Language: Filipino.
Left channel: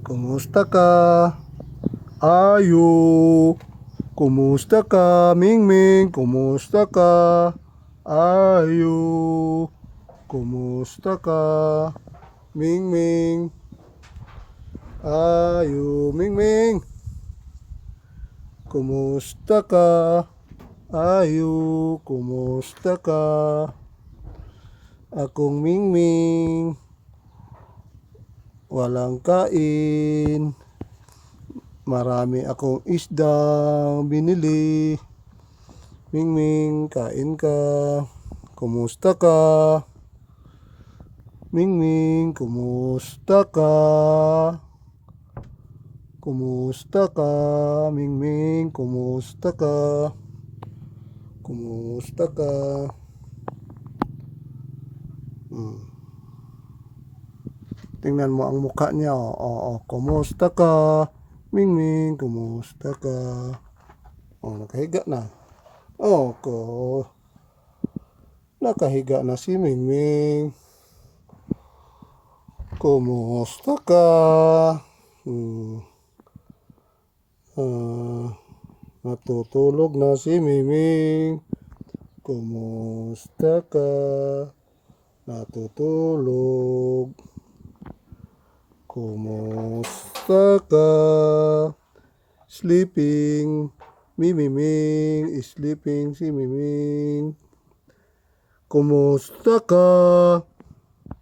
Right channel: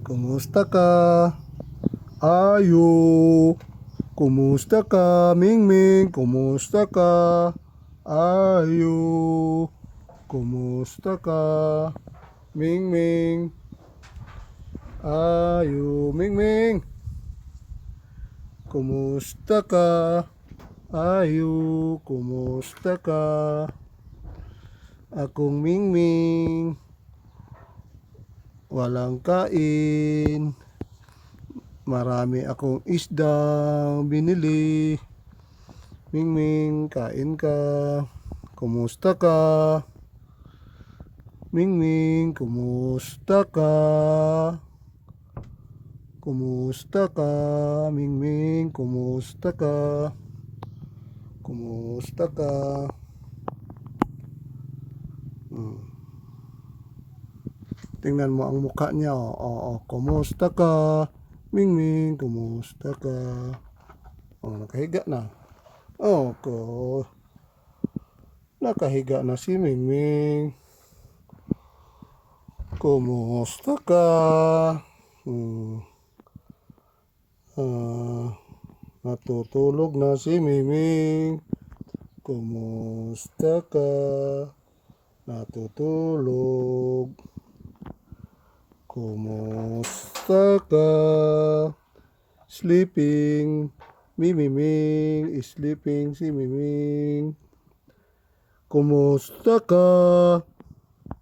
Kumusta ka? Ayo. Kumusta ka, Mingming? Kumusta ka? Ayo. Kumusta ka, Mingming? Ayo, Mingming. Kumusta ka? Ayo, kumusta ka? Akong Mingming, walang kain. Marami akong isdang binili. Mingming, kain ka. Kumusta ka? Mingming, kumusta ka? Kumusta ka? Mingming, kumusta ka? Kumusta ka? Tingnan mo ang mukha niya. Kumusta ka? Mingming, kumusta ka? Nakahiga na. Nakahiga na si Mingming. Kumusta ka? Natutulog na si Mingming. Kumusta ka? Natutulog. Kumusta ka? Sleeping. Mimiming is sleeping si Miming. Kumusta ka?